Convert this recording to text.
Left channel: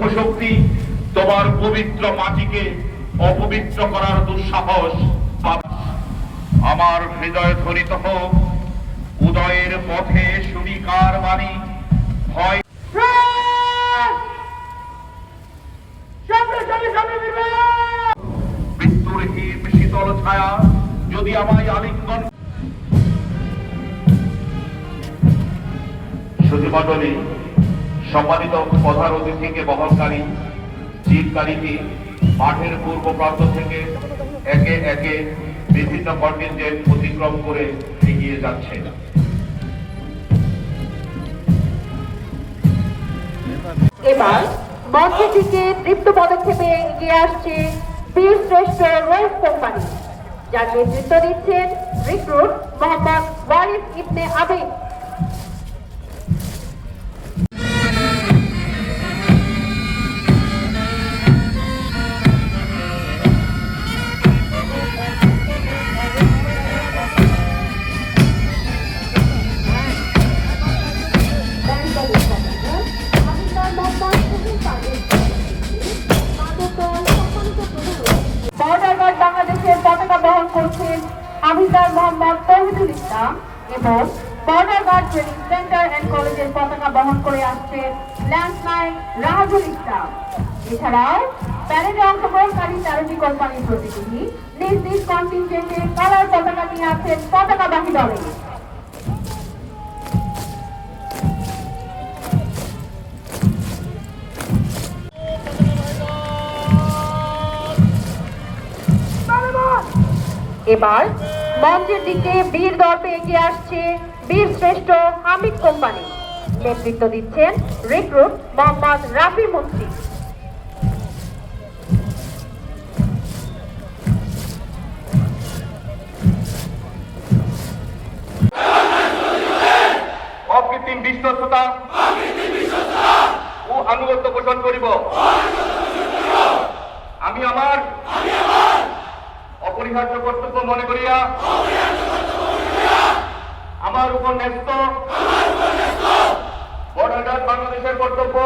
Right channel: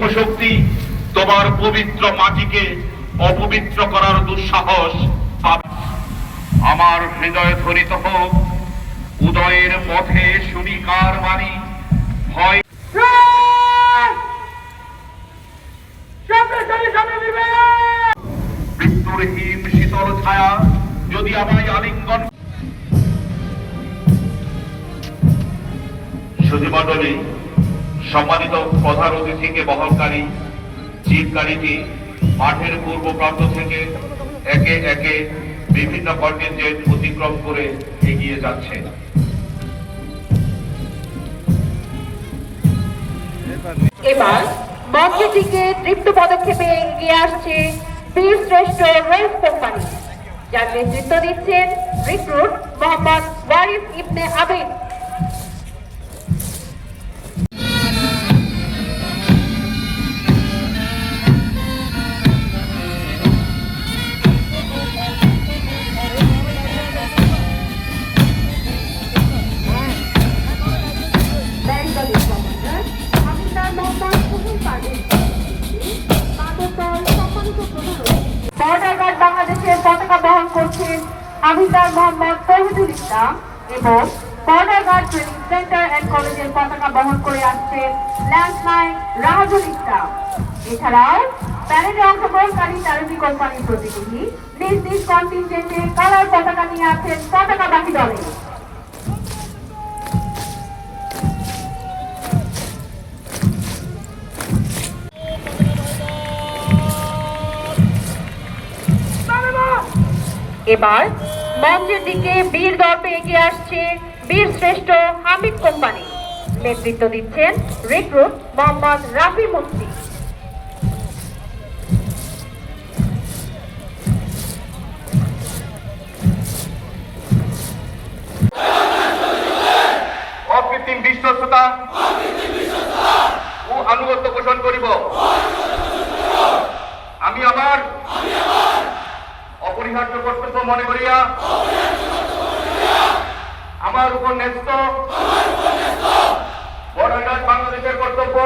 চক্ষু শক্তি তোমার পবিত্র মাটিকে অপবিত্র করার দুঃসাহস পাবে। আমার হৃদয় ধ্বনিত হোক উদয়ের পথে শুনিকার বাণী, হয় মৃত্যুর হিম শীতল ছায়া যদি আমায় আলিঙ্গন। সুধীমণ্ডলী, সম্মানিত প্রধান অতিথিকে বহনকারী জিপ গাড়িটি মাঠের পূর্ব প্রান্ত থেকে একে একে বিভিন্ন কন্টিনজেন্ট অতিক্রম করে এগিয়ে যাচ্ছে। এবার মঞ্চের দিকে দৃপ্ত পদক্ষেপে এগিয়ে আসছে বীরশ্রেষ্ঠ রেস কোম্পানি, যার নেতৃত্ব দিচ্ছেন রিক্রুট মোহাম্মদ ওয়ারিস ইবনে আবিদ। বাংলাদেশের পতাকা বহন করছেন হাফিজার মোহাম্মদ তৌহিদুল ইসলাম এবং border guard training centre and কলেজের পতাকা বহন করে আসছেন ল্যান্ডলাইন রাহাজুল ইসলাম। এছাড়াও প্যারেডে অংশগ্রহণকারী 13টি কোম্পানির প্রতিনিধি নিজ নিজ কন্টিনজেন্টে কালার পতাকা নিয়ে আছেন পতাকাবাহী দলে। এবার মঞ্চের দিকে বীর দর্পে এগিয়ে আসছে বীরশ্রেষ্ঠ হামিদ কোম্পানি, নেতৃত্ব দিচ্ছেন রিক্রুট মোহাম্মদ রাফি মুফতি। অকৃত্রিম বিশ্বস্ততা ও আনুগত্য পোষণ করিব। আমি আমার অপরিহার্য কর্তব্য মনে করিয়া আমার উপর ন্যস্ত বর্ডার গার্ড বাংলাদেশের কর্তব্য